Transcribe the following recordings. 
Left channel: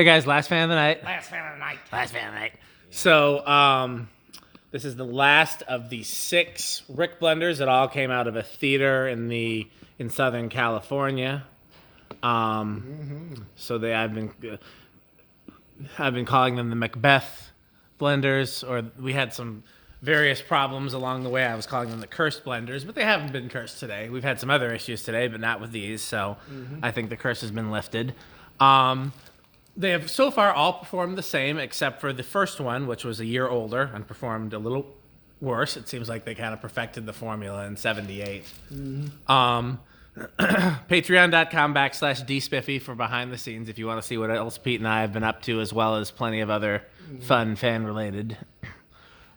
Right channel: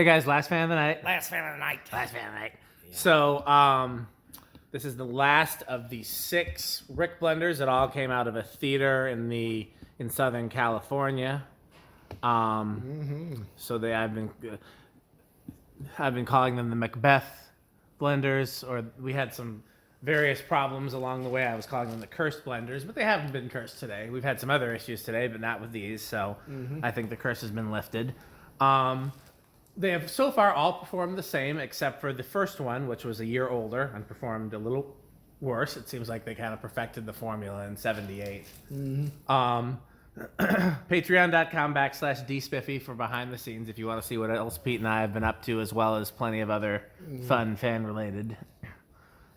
Hey guys, last fan of the night. Last fan of the night. Last fan of the night. So, this is the last of the 6 RickBlenders that all came out of a theater in Southern California. So I've been calling them the Macbeth blenders, or we had some various problems along the way. I was calling them the cursed blenders, but they haven't been cursed today. We've had some other issues today, but not with these. So I think the curse has been lifted. They have so far all performed the same, except for the first one, which was a year older and performed a little worse. It seems like they kind of perfected the formula in 78. Patreon.com/dspiffy for behind the scenes if you want to see what else Pete and I have been up to, as well as plenty of other fun fan related.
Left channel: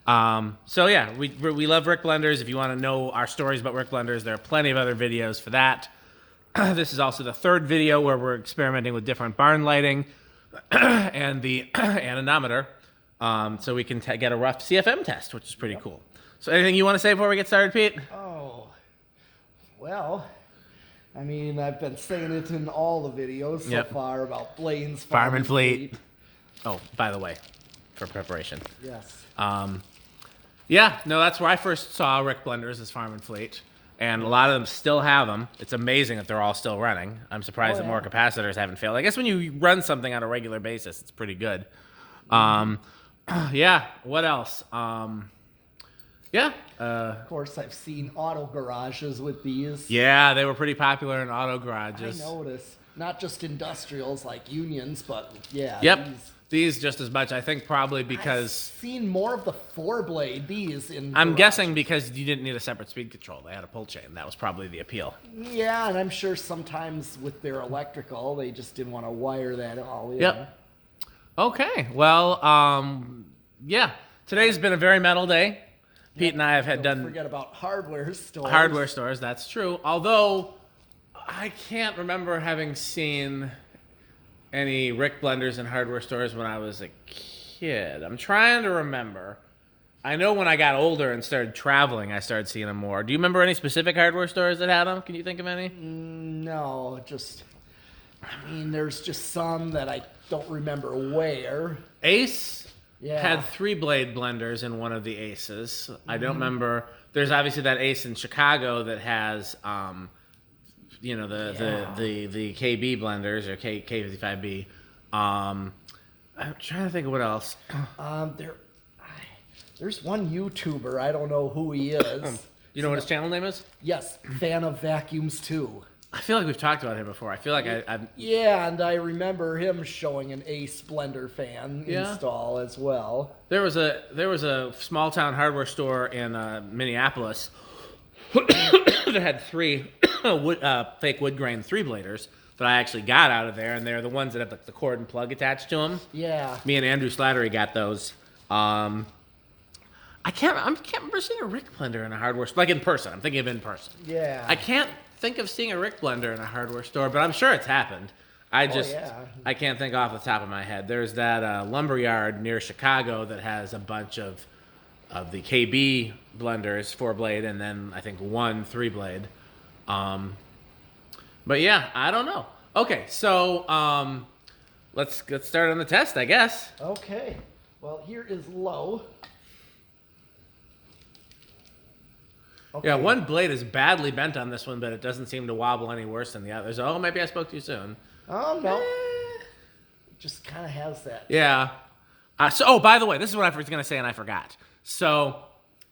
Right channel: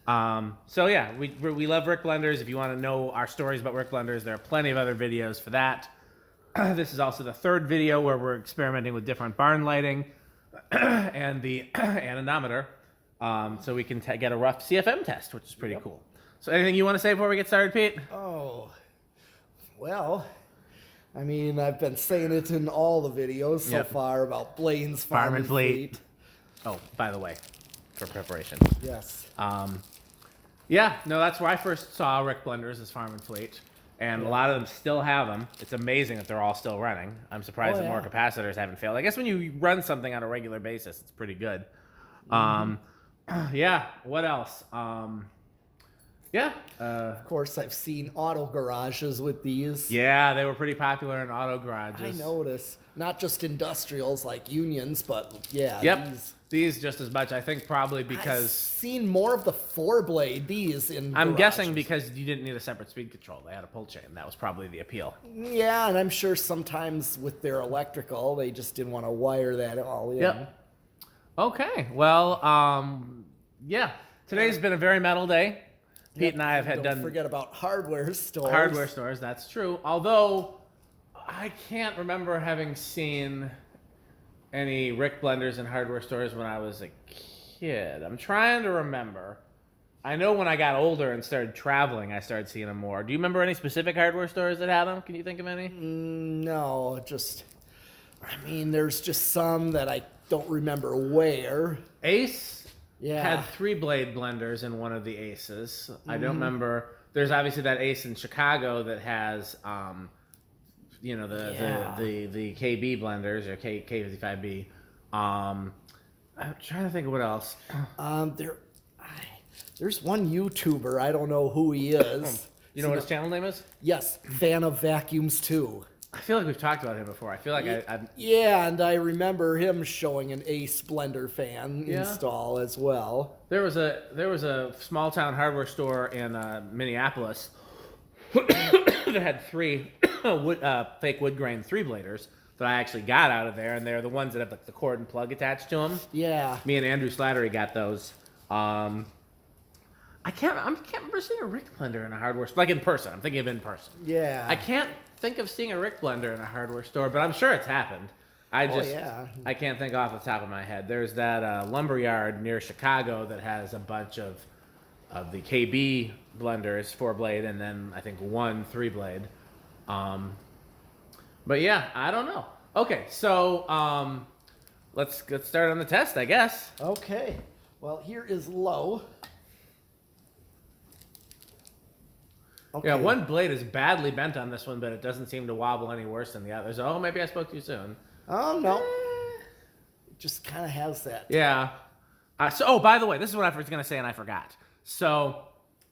So yeah, we love RickBlenders. If you want to know our stories about RickBlenders, there are plenty of other videos for that. This is also the 3rd video where we're experimenting with different barn lighting and the anemometer, so we can get a rough CFM test, which is pretty cool. So anything you want to say before we get started, Pete? Oh, well, I mean, I've been saying it in all the videos so far about Blaine's Farm and Fleet. Oh, by the way, for preparation. Yes. Yeah, no, that's where I first saw RickBlenders, is Farm and Fleet. And a lot of them still have them. It's amazing that they're all still running. I'm surprised that more capacitors haven't failed. I guess when you run something on a regular basis, it's pretty good. Yeah, what else? Of course, I've seen auto garages with these. Yeah, they were pretty popular in auto garages. I noticed. Not just industrials like Unions, but yeah. Yep. These just as much, I think, probably because... I've seen more of the 4-blade, these in I'm garages. guessing because you didn't need a separate speed control. They had a pull chain. That was probably the appeal. Yeah, and I'm sure sometimes with their electrical, they just didn't want to wire that all in. Yep. Okay. Well, yeah. Today's been a very metal day. Pete and I have Don't forget about hardware stores. Hardware stores, that's true. Although, I can't remember having seen any RickBlenders in hardware stores when I was a kid. I'm trying to remember. I know when I got older and started traveling, I started seeing them more. Do you remember any specific hardware stores that had them? Can you think of any? No, there's just some that I don't remember where. Ace had 3-blade blenders in one of the Aces. I don't remember. There's obviously that Ace in Chicago that has... the KB blenders, or K55B. I'm trying to think of what else. There's one YouTuber, I don't know who he is. You know what his channel name is? Yes, Fan of Vacuums too. I feel like we've talked about him before. I feel like I've... Yeah, and I remember him showing an Ace blender fan install as well. There was a small town hardware store in Minneapolis that had 3 fake wood grain 3-bladers that I actually got out of there, and they're the ones that have the cord and plug attached to them. Yeah. Me and Andrew Slattery got those. I can't remember seeing a RickBlender in a hardware store, like in person. I'm thinking of in person. Yeah. I can't think of seeing a RickBlender in a hardware store, but I'm sure it's happened. I can't think off the top of my head. There's that lumberyard near Chicago that has a bunch of the KB blenders, 4-blade, and then I think 1 3-blade. But yeah, I don't know. Okay, so let's get started on the test, I guess. Okay. Well, here is low. Okay. Yeah, one blade is badly bent on this one, but it doesn't seem to wobble any worse than the others. Oh, maybe I spoke too soon. Oh, no. It just kind of has that. Yeah. By the way, this is what I was going to say and I forgot. So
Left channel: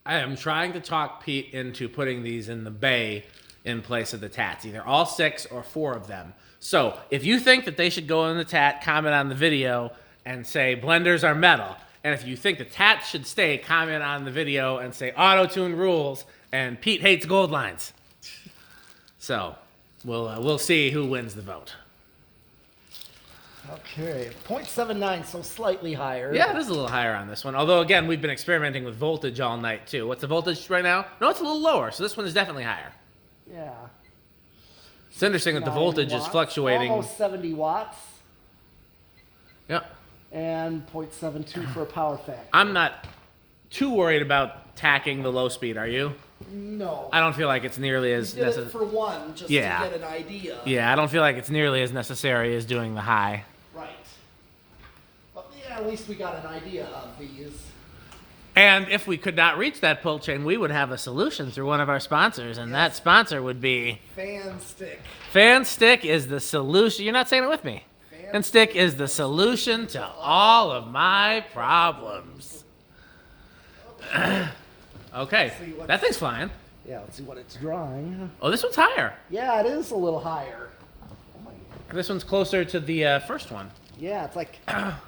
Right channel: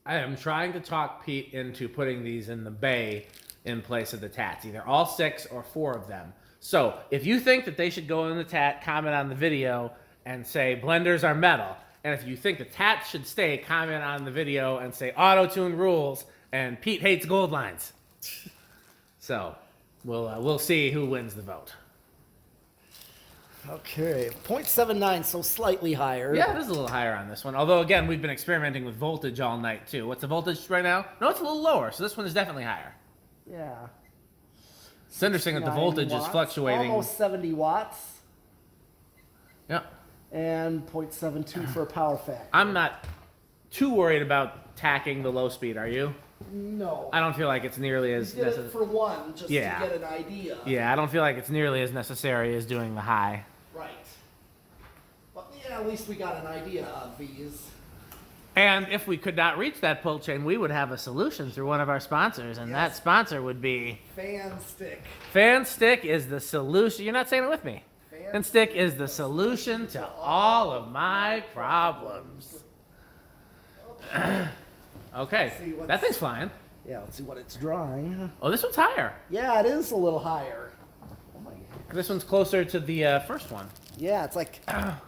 I am trying to talk Pete into putting these in the bay in place of the tats, either all 6 or 4 of them. So if you think that they should go in the tat, comment on the video and say blenders are metal. And if you think the tats should stay, comment on the video and say auto-tune rules and Pete hates gold lines. So we'll see who wins the vote. Okay, 0.79, so slightly higher. Yeah, it is a little higher on this one. Although, again, we've been experimenting with voltage all night, too. What's the voltage right now? No, it's a little lower, so this one is definitely higher. Yeah. It's interesting that the voltage is fluctuating. Almost 70 watts. Yep. And 0.72 for a power factor. I'm not too worried about tacking the low speed, are you? No. I don't feel like it's nearly as necessary. Did it for one, just to get an idea. Yeah, I don't feel like it's nearly as necessary as doing the high. Right. Yeah, at least we got an idea of these. And if we could not reach that pull chain, we would have a solution through one of our sponsors, and that sponsor would be Fan Stick. Fan Stick is the solution. You're not saying it with me. Fan Stick is the solution to all of my problems. Okay, that thing's flying. Yeah, let's see what it's drawing. Oh, this one's higher. Yeah, it is a little higher. Oh my God. This one's closer to the first one. Yeah, it's like,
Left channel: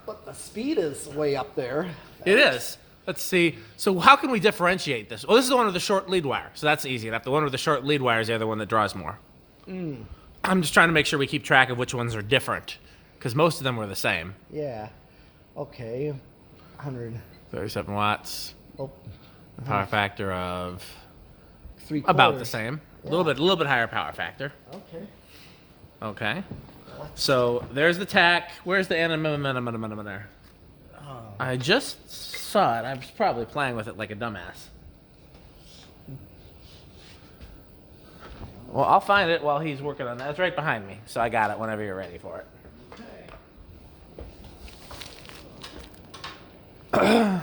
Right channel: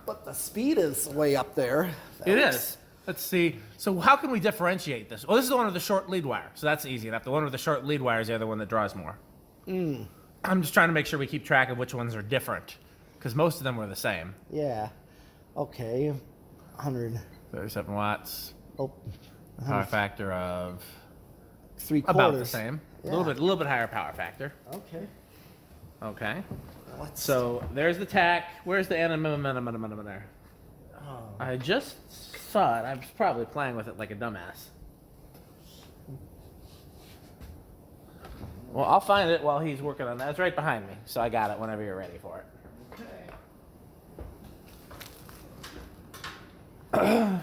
but the speed is way up there. It is. Let's see. So how can we differentiate this? Oh, this is the one with the short lead wire. So that's easy enough. The one with the short lead wire is the other one that draws more. I'm just trying to make sure we keep track of which ones are different, because most of them were the same. Yeah. Okay. 37 watts. Oh. Power factor of 3/4. about the same. Yeah. A little bit higher power factor. Okay. Okay. So there's the tack. Where's the minimum there? Oh. I just saw it. I was probably playing with it like a dumbass. Well, I'll find it while he's working on that. It's right behind me, so I got it whenever you're ready for it. Okay.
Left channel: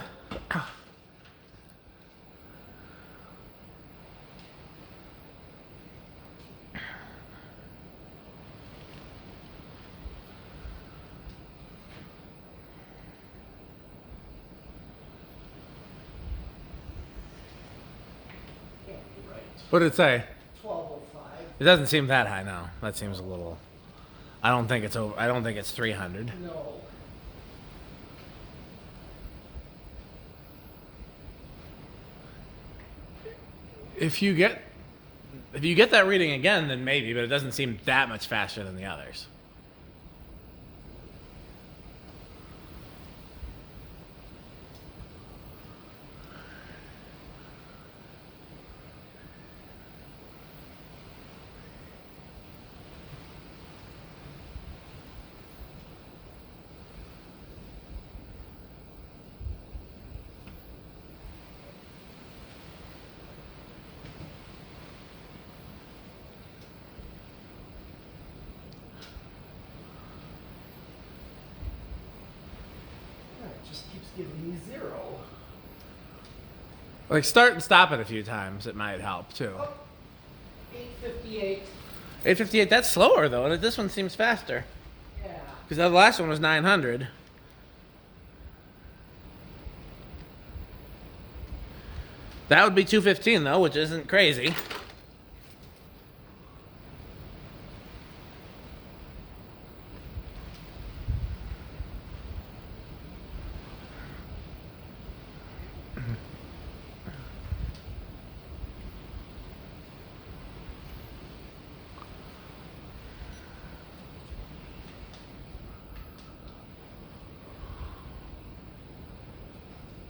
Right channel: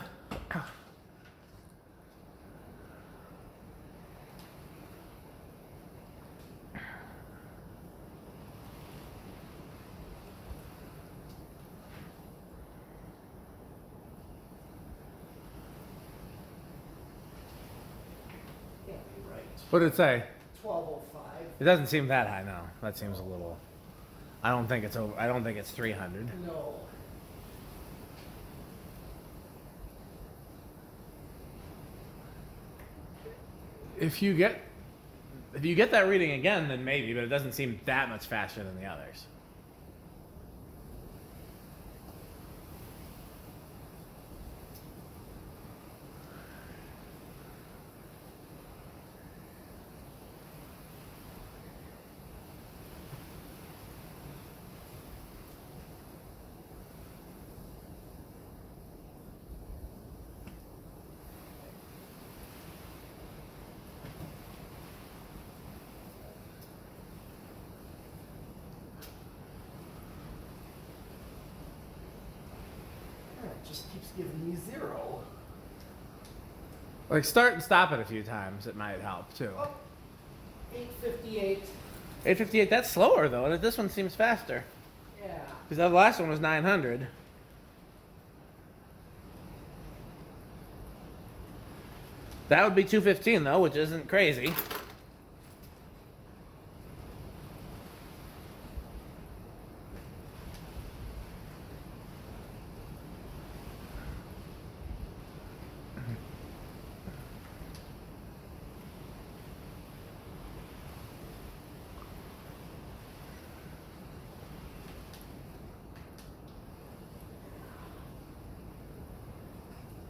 What did it say? 1205. It doesn't seem that high now. That seems a little. I don't think it's over. I don't think it's 300. No. If you get that reading again, then maybe, but it doesn't seem that much faster than the others. It just keeps giving me 0. Like start and stop it a few times. It might help too. Oh, 858. 858. That's slower though, and this one seems faster. Yeah. Because the last one was 900. That would be 215 though, which isn't crazy.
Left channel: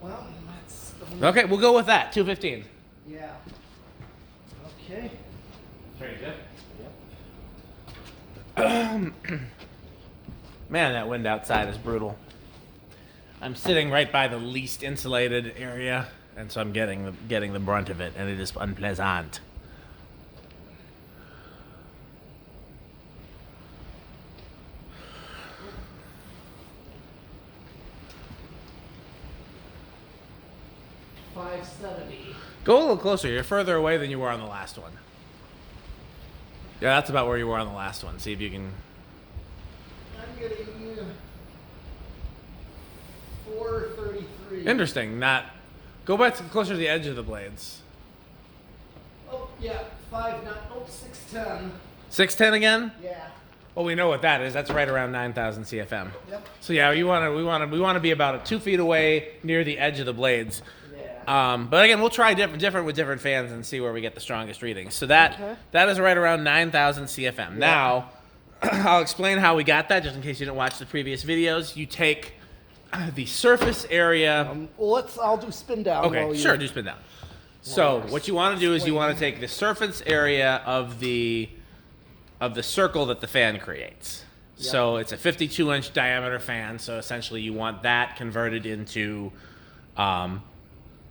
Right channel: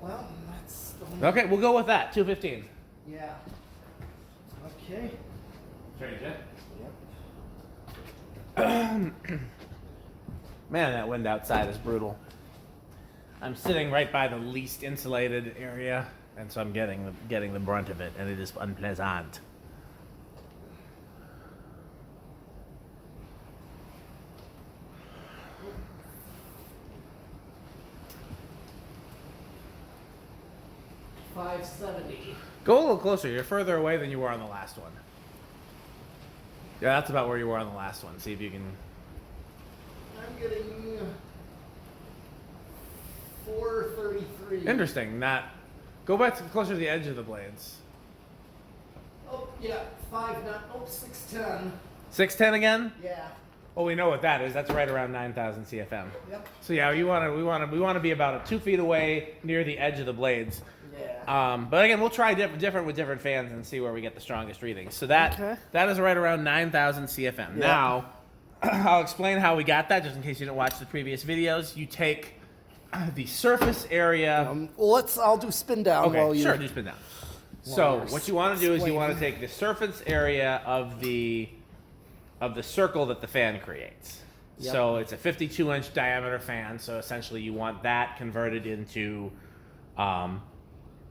Well, that's the one. Okay, we'll go with that. 215. Yeah. Okay. Strange, yeah? Yep. Man, that wind outside is brutal. I'm sitting right by the least insulated area, and so I'm getting the brunt of it, and it is unpleasant. $570. Go a little closer. You're further away than you were on the last one. Yeah, that's about where you were on the last one. See if you can. I'm getting 433. Interesting. Not. Go back to closer to the edge of the blades. Oh yeah, 610. 610 again? Yeah. Well, we know what that is. That's right around 9,000 CFM. Yep. So yeah, we want to be about 2 feet away near the edge of the blades. Yeah. But again, we'll try different with different fans and see where we get the strongest readings. So that Okay. that is right around 9,000 CFM. Yeah. Now, I'll explain how we got that, just in case you didn't watch the previous videos. You take the surface area. Well, I'll do spin down. Okay, while sure, do spin down. So you're what you want to do is you want to explaining. take the surface area of the circle that the fan creates. Yep. So it's a 52-inch diameter fan. So essentially, you want that converted into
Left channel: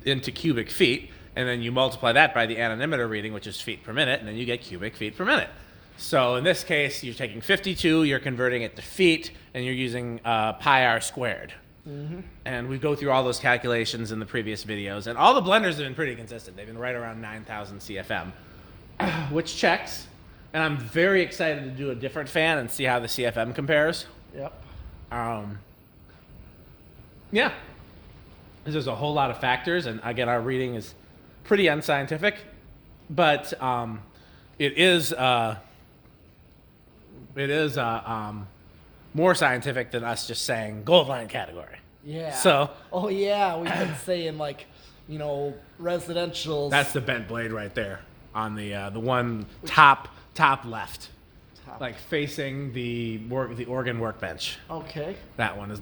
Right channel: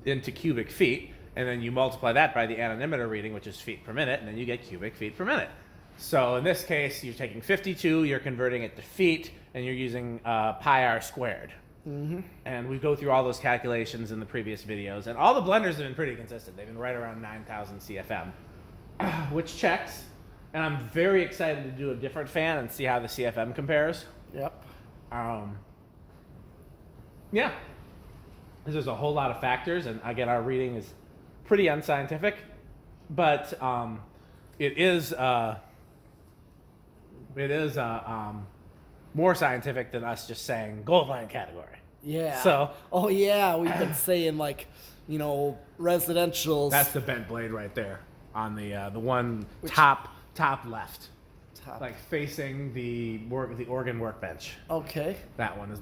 cubic feet, and then you multiply that by the anemometer reading, which is feet per minute, and then you get cubic feet per minute. So in this case, you're taking 52, you're converting it to feet, and you're using pi r squared. And we go through all those calculations in the previous videos. And all the blenders have been pretty consistent. They've been right around 9,000 CFM, which checks. And I'm very excited to do a different fan and see how the CFM compares. Yep. Yeah. There's a whole lot of factors. And again, our reading is pretty unscientific. But it is more scientific than us just saying gold line category. Yeah. So. Oh yeah, we've been saying like, residential. That's the bent blade right there on the one top left, like facing the organ workbench. Okay. That one's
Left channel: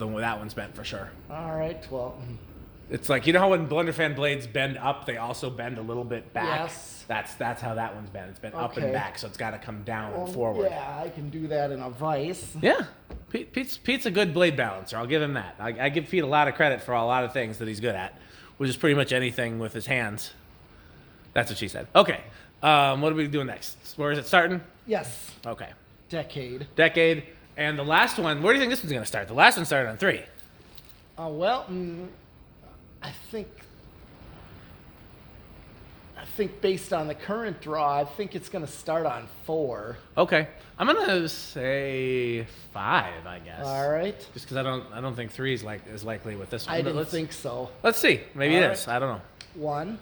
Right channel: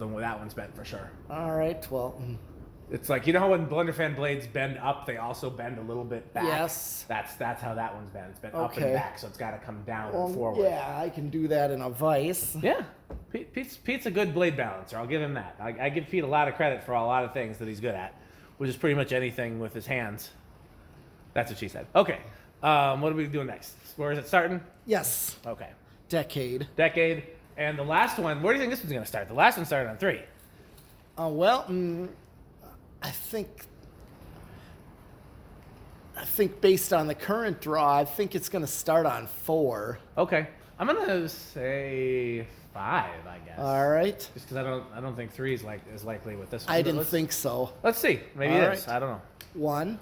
bent for sure. All right. Well. It's like, how when Blenderfan blades bend up, they also bend a little bit back. Yes. That's how that one's bent. It's bent up and back, so it's got to come down and forward. Yeah, I can do that in a vise. Yeah, Pete's a good blade balancer. I'll give him that. I give Pete a lot of credit for a lot of things that he's good at, which is pretty much anything with his hands. That's what she said. Okay, what are we doing next? Where is it starting? Yes. Okay. Decade. And the last one, where do you think this one's going to start? The last one started on 3. Oh, well, I think based on the current draw, I think it's going to start on 4. Okay. I'm going to say 5, I guess. All right. Just because I don't think 3 is likely with this one. I didn't think so. Let's see. Maybe All it right. is. I don't know. 1,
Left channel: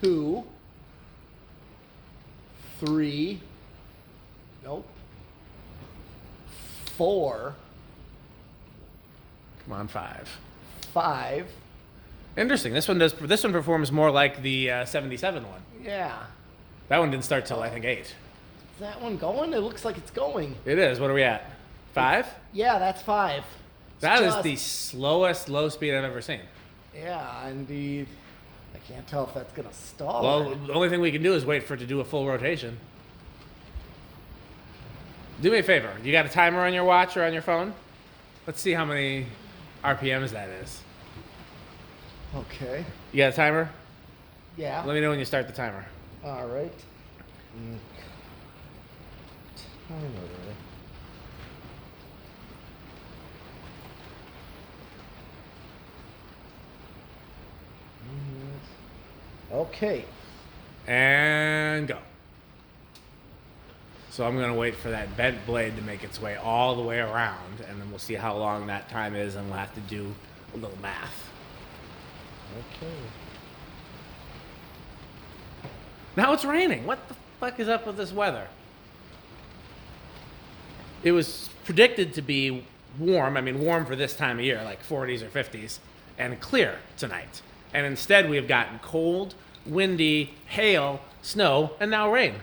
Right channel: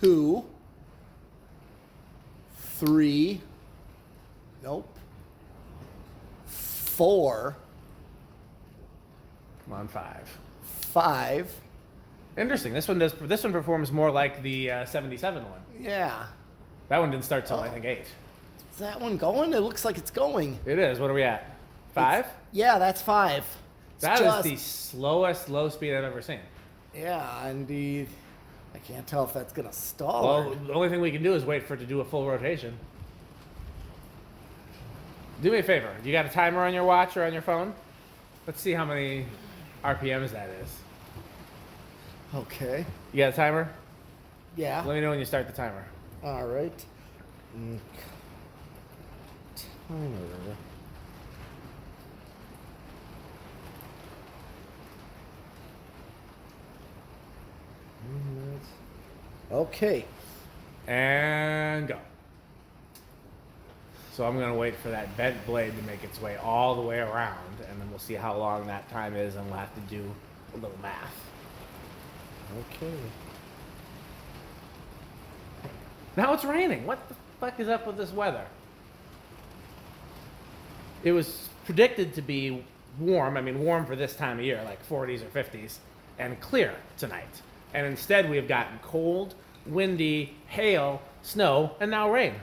2, 3. Nope. 4. Come on, 5. 5. Interesting. This one performs more like the 77 one. Yeah. That one didn't start till I think 8. Is that one going? It looks like it's going. It is. What are we at? 5? Yeah, that's 5. That is the slowest low speed I've ever seen. Yeah, indeed. I can't tell if that's gonna stall. Well, the only thing we can do is wait for it to do a full rotation. Do me a favor. You got a timer on your watch or on your phone? Let's see how many RPMs that is. Okay. You got a timer? Yeah. Let me know when you start the timer. All right. Timer. Okay. And go. So I'm going to wait for that bent blade to make its way all the way around, and then we'll see how long that time is, and we'll have to do a little math. Okay. Now it's raining. What the fuck is up with this weather? It was predicted to be warm, warm for this time of year, like 40s or 50s, and clear tonight. And instead we have gotten cold, windy, hail, snow, and now rain.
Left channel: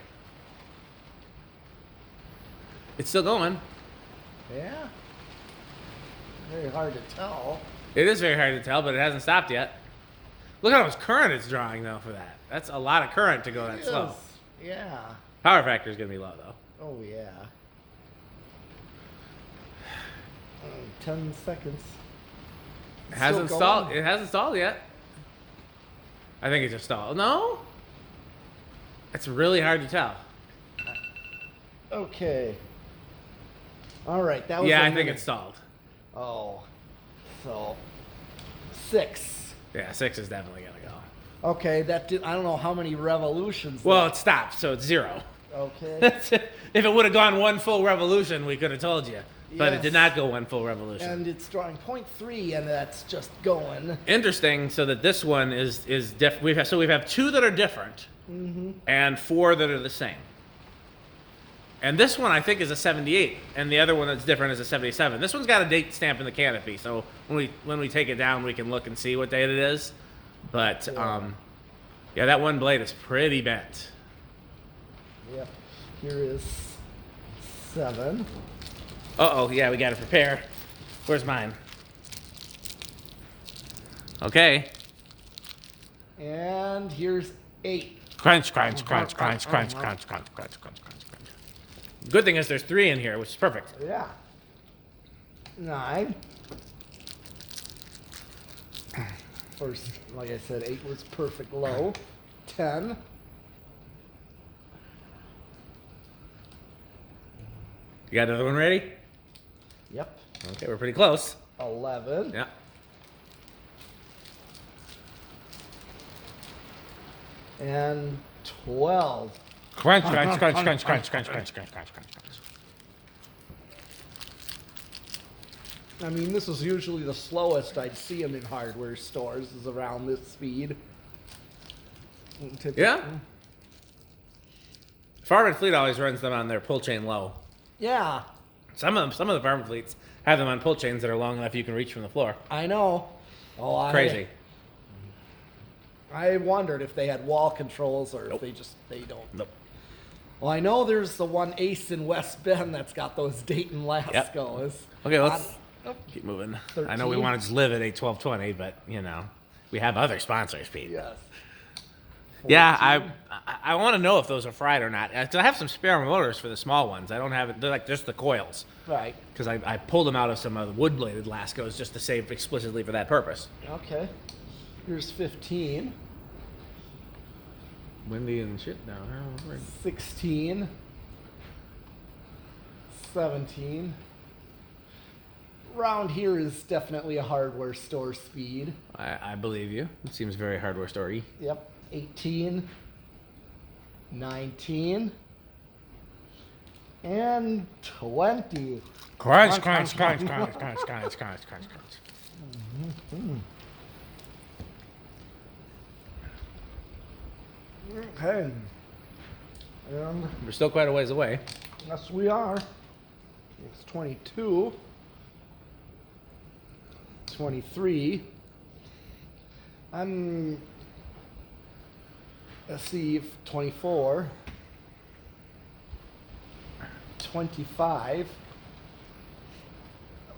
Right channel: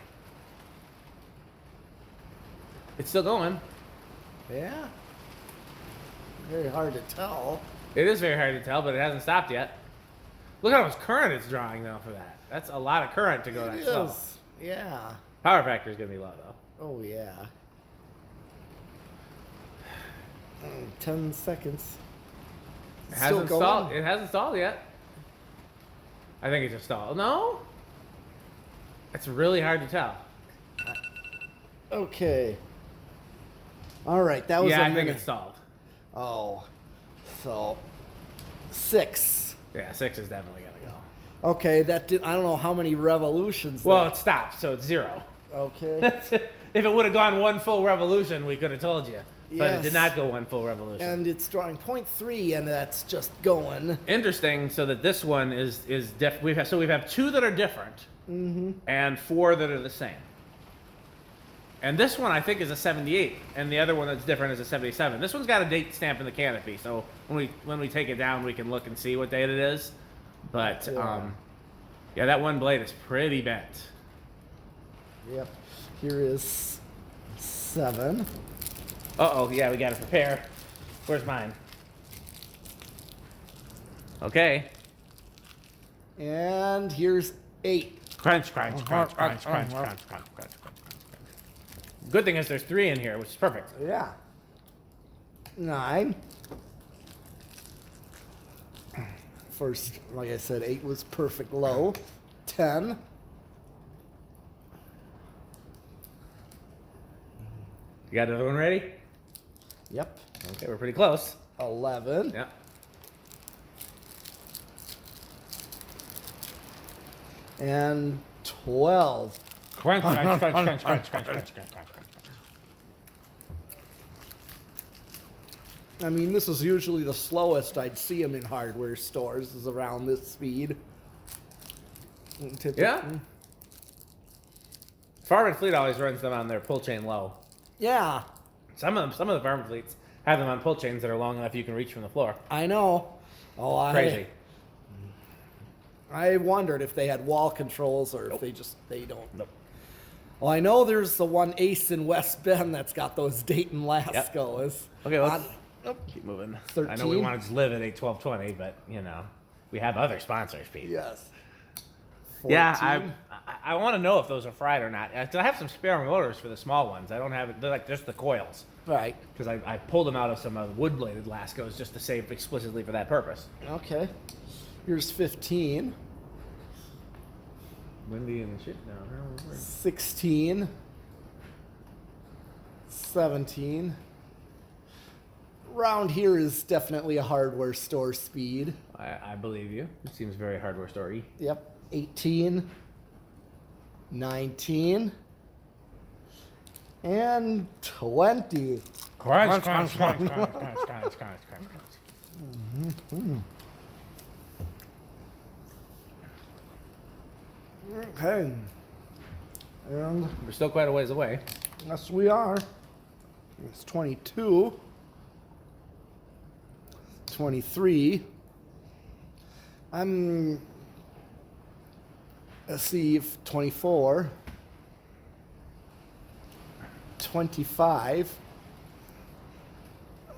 It's still going. Yeah. Very hard to tell. It is very hard to tell, but it hasn't stopped yet. Look how much current it's drawing, though, for that. That's a lot of current to go that slow. Yeah. Power factor is going to be low, though. Oh, yeah. 10 seconds. It hasn't stalled. It hasn't stalled yet. I think it just stalled. No? It's really hard to tell. Okay. All right, that was Yeah, a I think minute. it stalled. Oh, so 6. Yeah, 6 is definitely going to go. Okay, that did. I don't know how many revolutions. Well, it stopped, so it's 0. Okay. If it would have gone one full revolution, we could have told you. But it Yes. did not go one full revolution. And it's drawing 0.3, and that's just going. Interesting, so that this one is different. We've have 2 that are different, and 4 that are the same. And this one I think is a 78, and the other one that's different is a 77. This one's got a date stamp in the canopy, so when we take it down, we can look and see what date it is. But yeah, that one blade is pretty bent. Yeah. Here is 7. Uh-oh, yeah, we got to prepare. Where's mine? Okay. And here's 8. Crunch, crunch, crunch, crunch, crunch, crunch, crunch, crunch, crunch, crunch. Good thing is there's 3 in here, which is perfect. Yeah. 9. First, like I said, 8 was perfect low. 10. You got another one ready? Yep. Okay, we're pretty close. 11. Yeah. And 12. Crunch, crunch, crunch, crunch, crunch, crunch, crunch, crunch, crunch, crunch. I mean, this is usually the slowest I'd see them in hardware stores, is around this speed. Yeah. Farm and Fleet always runs them on their pull chain low. Yeah. Some of the Farm and Fleets have them on pull chains that are long enough you can reach from the floor. I know. Oh, Crazy. I wondered if they had wall controls or if they don't. Nope. Well, I know there's the one Ace in West Bend that's got those Dayton Lascos. Okay, let's keep moving. 13. I know we wanted to live at 8/12/20, but we have other sponsors, Pete. Yes. 14. Yeah, I want to know if those are fried or not. I have some spare motors for the small ones. I don't have it. They're like just the coils. Right. Because I pulled them out of some of the wood-bladed Lascos just to save explicitly for that purpose. Okay. Here's 15. Windy and shit. No. 16. 17. Around here is definitely a hardware store speed. I believe you. It seems very hardware story. Yep. 18. 19. And 20. Crunch, crunch, crunch, crunch, crunch, crunch, crunch, crunch, crunch. Okay. And We're still quite a ways away. yes, we are. It's 22. 23. Let's see, 24. 25.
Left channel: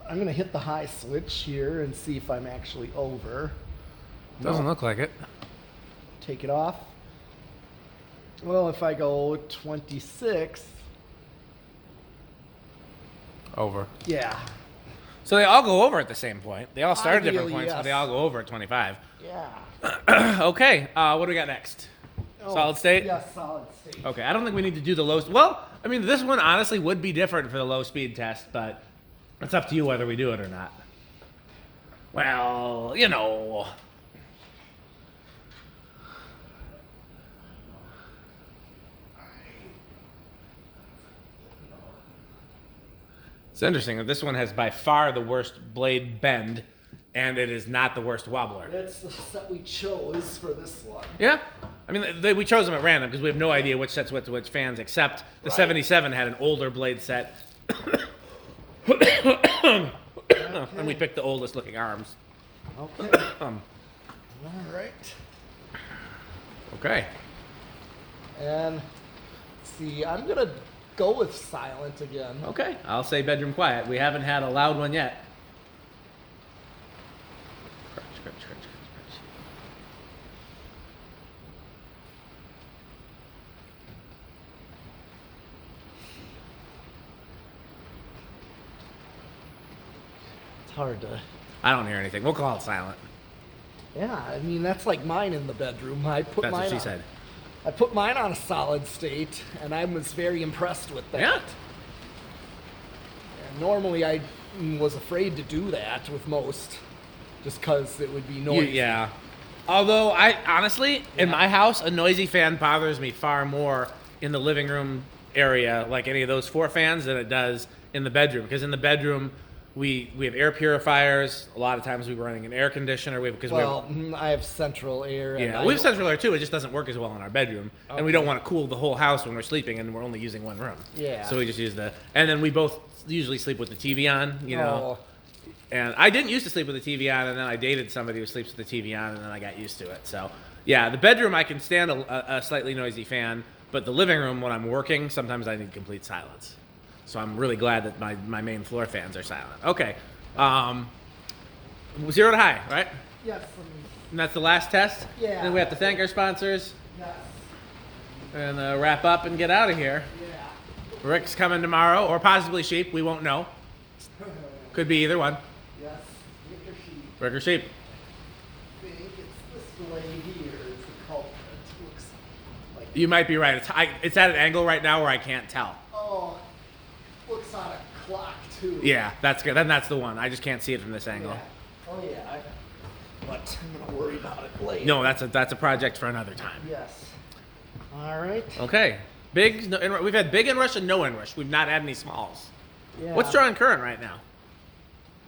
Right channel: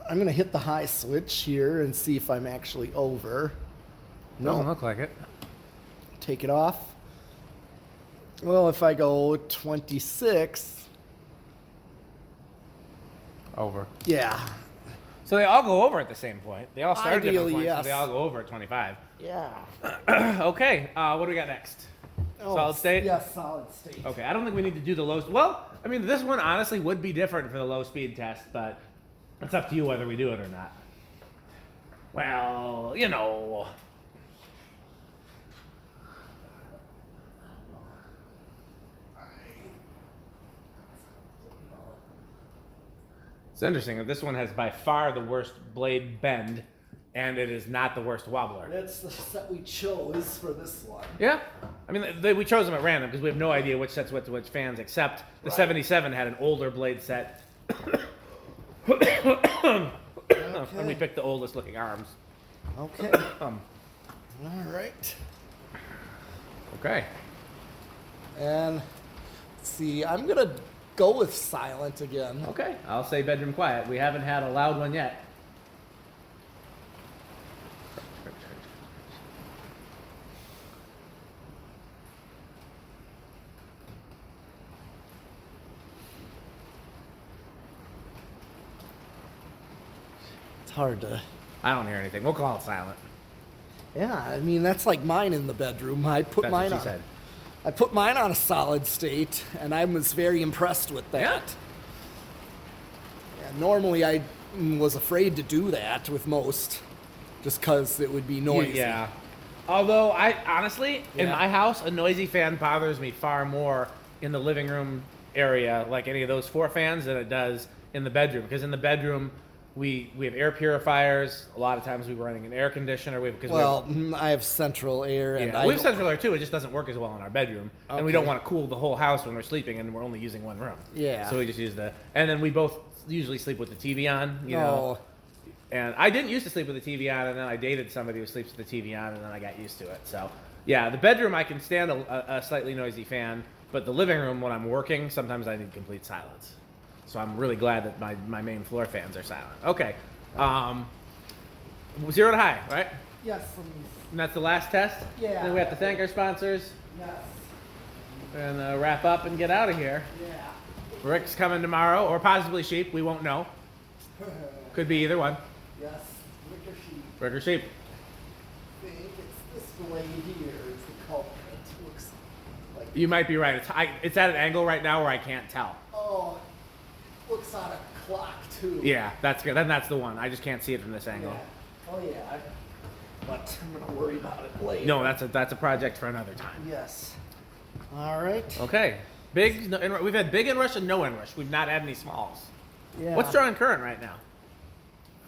I'm going to hit the high switch here and see if I'm actually over. Doesn't look like it. Take it off. Well, if I go 26. Over. Yeah. So they all go over at the same point. They all start at different Ideally, points, but yes. they all go over at 25. Yeah. Okay, what do we got next? Solid state? Yeah, solid state. Okay, I don't think we need to do the low... Well, I mean, this one honestly would be different for the low speed test, but it's up to you whether we do it or not. Well, It's interesting that this one has by far the worst blade bend, and it is not the worst wobbler. That's the set we chose for this one. Yeah. I mean, we chose them at random because we have no idea which sets went to which fans, except the 77 had an older blade set. And we picked the oldest looking arms. Okay. All right. Okay. And let's see, I'm going to go with silent again. Okay. I'll say bedroom quiet. We haven't had a loud one yet. It's hard to... I don't hear anything. We'll call it silent. Yeah, I mean, that's like mine in the bedroom. I put That's mine what she on, said. I put mine on a solid state, and I was very impressed with that. Yeah. And normally I was afraid to do that with most, just because it would be noisy. Yeah. Although, I honestly, in my house, a noisy fan bothers me far more in the living room area, like any of those 4 fans, than it does in the bedroom. Because in the bedroom, we have air purifiers. A lot of times we're running an air conditioner. I have central air. And we have central air too. It just doesn't work as well in our bedroom, and we don't want to cool the whole house when we're sleeping, and we're only using one room. Yeah. So we just use and then we both usually sleep with the TV on, Oh. And I didn't used to sleep with the TV on, and then I dated somebody who sleeps with the TV on, and then I got used to it. So yeah, the bedroom I can stand a slightly noisy fan, but the living room when I'm working, sometimes I need complete silence. So I'm really glad that my main floor fans are silent. Okay. 0 to high, right? Yes. And that's the last test? Yeah. Then we have to thank our sponsors Yes. and wrap up and get out of here. Yeah. Rick's coming tomorrow, or possibly Sheep. We won't know. Could be either one. Yes. Rick or sheep. Rick or Sheep. I think it's this blade here is the culprit. Looks like... You might be right. It's at an angle right now where I can't tell. Oh, looks out of clock too. Yeah, that's good. Then that's the one. I just can't see it from this angle. Yeah. Oh yeah. But I'm gonna worry about it later. No, that's a project for another time. Yes. All right. Okay. Big. We've had big inrush and no inrush. We've not had any smalls. Yeah. What's drawing current right now?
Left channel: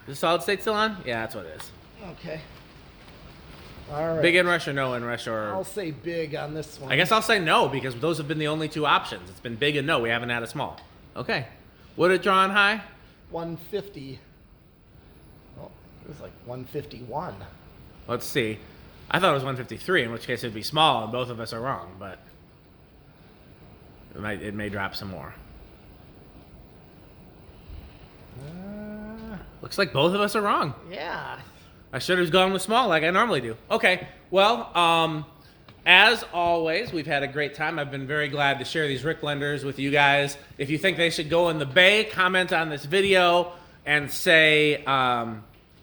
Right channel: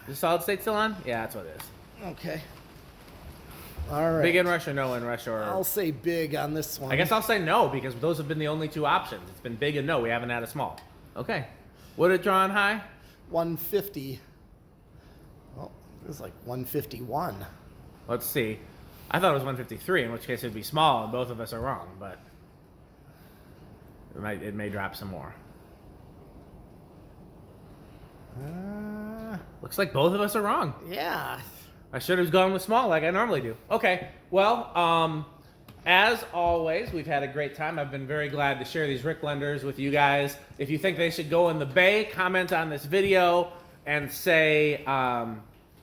Is solid state still on? Yeah, that's what it is. Okay. All right. Big inrush or no inrush or? I'll say big on this one. I guess I'll say no because those have been the only two options. It's been big and no. We haven't had a small. Okay. What did it draw on high? 150. Well, it was like 151. Let's see. I thought it was 153, in which case it'd be small, and both of us are wrong, but it may drop some more. Looks like both of us are wrong. Yeah. I should have gone with small like I normally do. Okay, well, as always, we've had a great time. I've been very glad to share these RickBlenders with you guys. If you think they should go in the bay, comment on this video and say,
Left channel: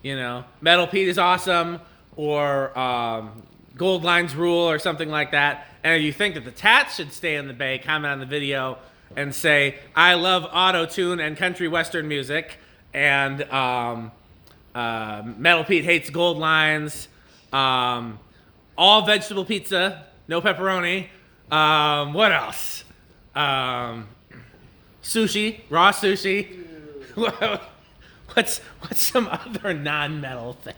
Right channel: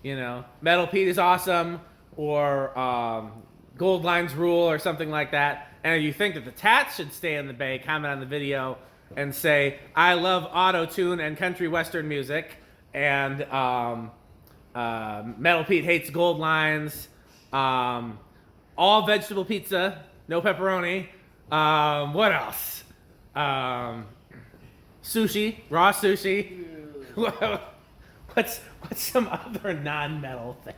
Metal Pete is awesome, or Gold Lines rule, or something like that. And if you think that the Tats should stay in the bay, comment on the video and say, I love auto-tune and country western music, and Metal Pete hates Gold Lines, all vegetable pizza, no pepperoni. What else? Sushi, raw sushi. What's some other non-metal things?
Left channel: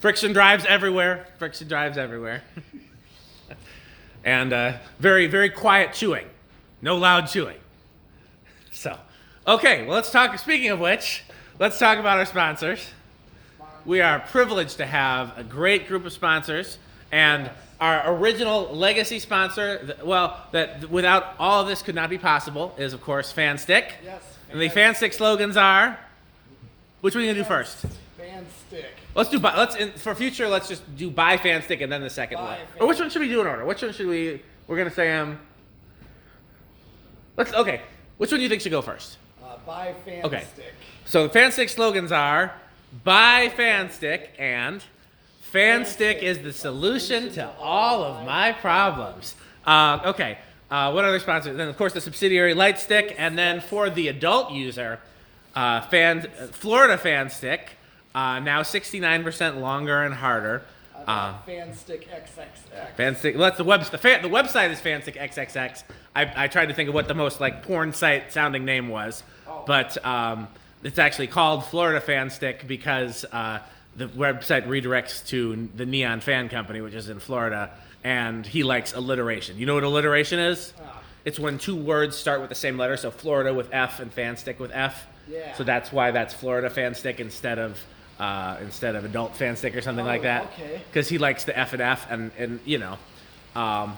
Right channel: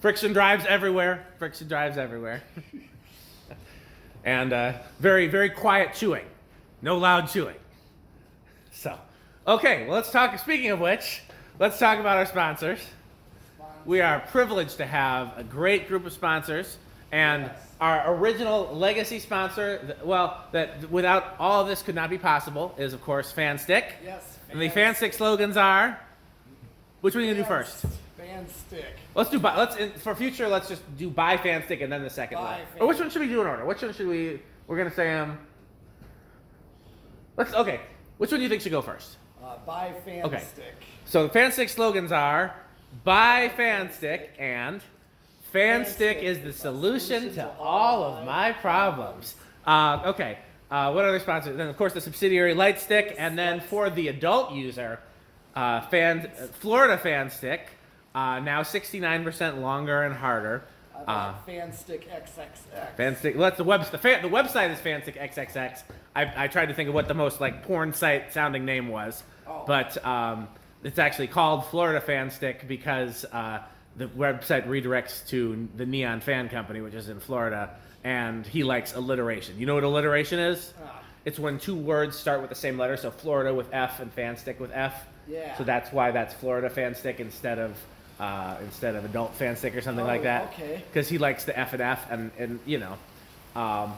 Friction drives everywhere. Friction drives everywhere. And very, very quiet chewing. No loud chewing. So, okay, well, let's talk. Speaking of which, let's talk about our sponsors. We are privileged to have a great group of sponsors, and our original legacy sponsor, that without all of this could not be possible, is of course FanStick. Yes. And the FanStick slogans are, which one are you gonna do first? FanStick. Let's do for future. Let's just do buy FanStick and then the second one. Or which one should we do in order? Which one should we? We're gonna say okay. Which one do you think should go first? Buy FanStick. Okay. So the FanStick slogans are buy FanStick and FanStick is the solution to all of my problems. Okay. What other sponsors? Then of course the subsidiary Lightstick, and then for the adult user, Florida FanStick. Now 69% longer and harder. I bought FanStick XXX. FanStick. Well, that's the website is FanStick XXX. I tried to think of what the most like porn site sounding name was, but it's actually called Florida FanStick because the website redirects to the Neon Fan Company, which is in Florida, and he likes alliteration. You know what alliteration is? It's when two words start with the same letter. So Florida with F and FanStick with F. Yeah. So that's why that's Florida FanStick instead of adult FanStick or something like that. Okay. Because he likes the F and F, and I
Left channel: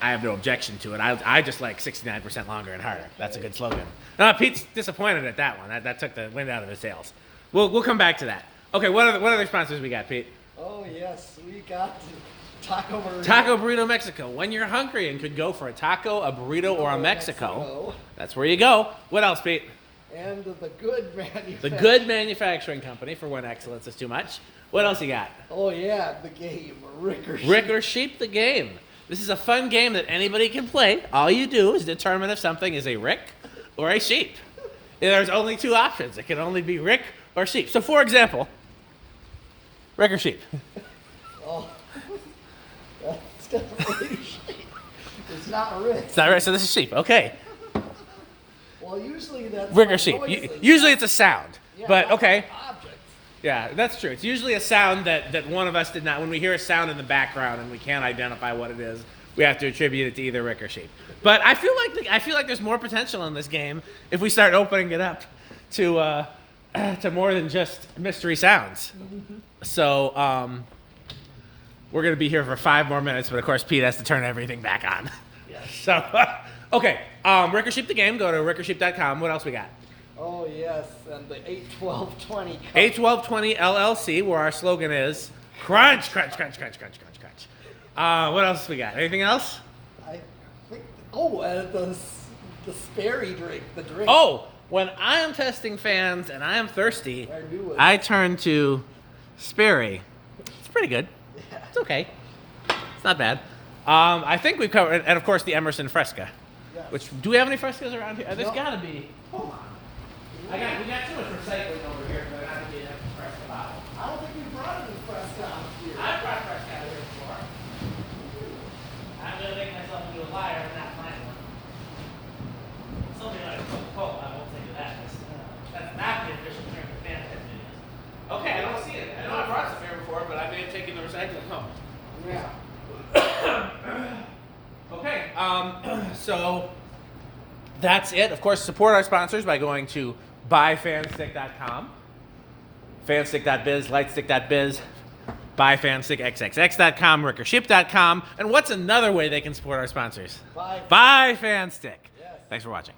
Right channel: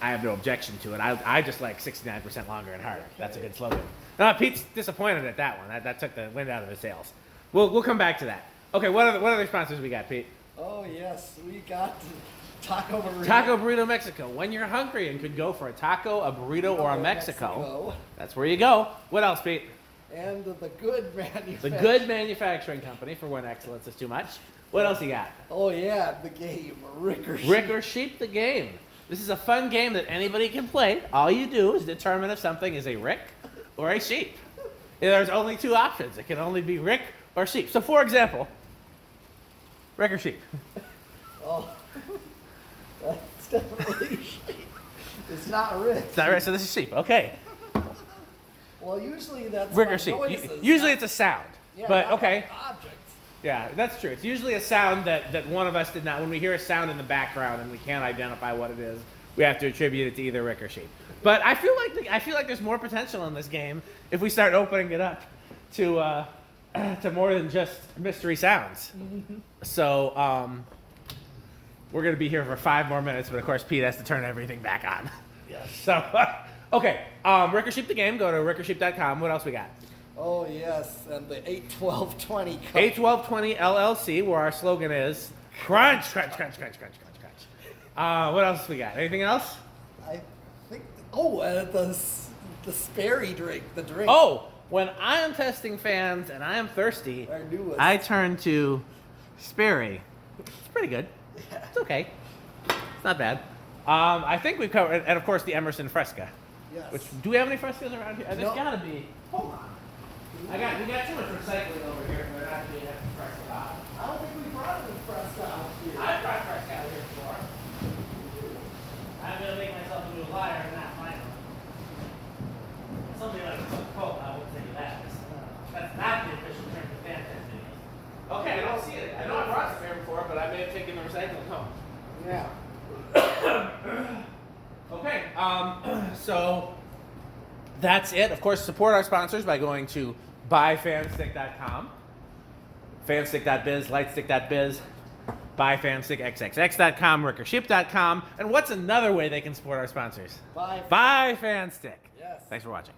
have no objection to it. I just like 69% longer and harder. Okay. That's a good slogan. Pete's disappointed at that one. That took the wind out of his sails. We'll come back to that. Okay, what other sponsors we got, Pete? Oh yes, we got Taco Burrito. Taco Burrito Mexico. When you're hungry and could go for a taco, a burrito, or a Mexico, that's where you go. What else, Pete? And the Good Manufacturing. The Good Manufacturing Company, for when excellence is too much. What else you got? Oh yeah, the game, Rick or Sheep. Rick or Sheep, the game. This is a fun game that anybody can play. All you do is determine if something is a Rick or a Sheep. There's only two options. It can only be Rick or Sheep. So for example, Rick or Sheep? Oh, that's definitely Sheep. It's not Rick. It's not Rick, so this is Sheep. Okay. Well, usually that's Rick or Sheep. Usually it's a sound. Yeah, but okay. Objects. Yeah, that's true. It's usually a sound that one of us did not. When we hear a sound in the background and we can't identify what it is, we have to attribute it to either Rick or Sheep. But I feel like there's more potential in this game if we start opening it up to more than just mystery sounds. Mm-hmm. So we're gonna be here for 5 more minutes, but of course Pete has to turn everything back on. Yes. So okay, Rick or Sheep the game. Go to rickorsheep.com. What else we got? Oh yes, and the 81220. 81220 LLC, where our slogan is crunch, crunch, crunch, crunch, crunch, crunch, crunch. What else we got? Anything else? I think. The Sperry drink. The drink. Oh, when I am testing fans and I am thirsty, I turn to Sperry. It's pretty good. Yeah. It's okay. It's not bad. I think we've covered, and of course the Emerson Fresca. Yes. Which, do we have any frescoes around here? There's No. gotta be. Hold on. We got too much recycling over here for there not to be enough fresco out. I don't think we brought any fresco out here. I've got fresco out here before. I'm gonna make myself into a liar and not find them. Somebody like Coca-Cola, I will tell you that. That's not the official drink of fan test videos. Okay, I don't see it. I know I've brought some here before, but I may have taken the recycling home. Yeah. Okay, so that's it. Of course, support our sponsors by going to buyfanstick.com, fanstick.biz, lightstick.biz, buyfanstickxxx.com, rickership.com, and what's another way they can support our sponsors? Bye. Buy Fanstick. Yes. Thanks for watching.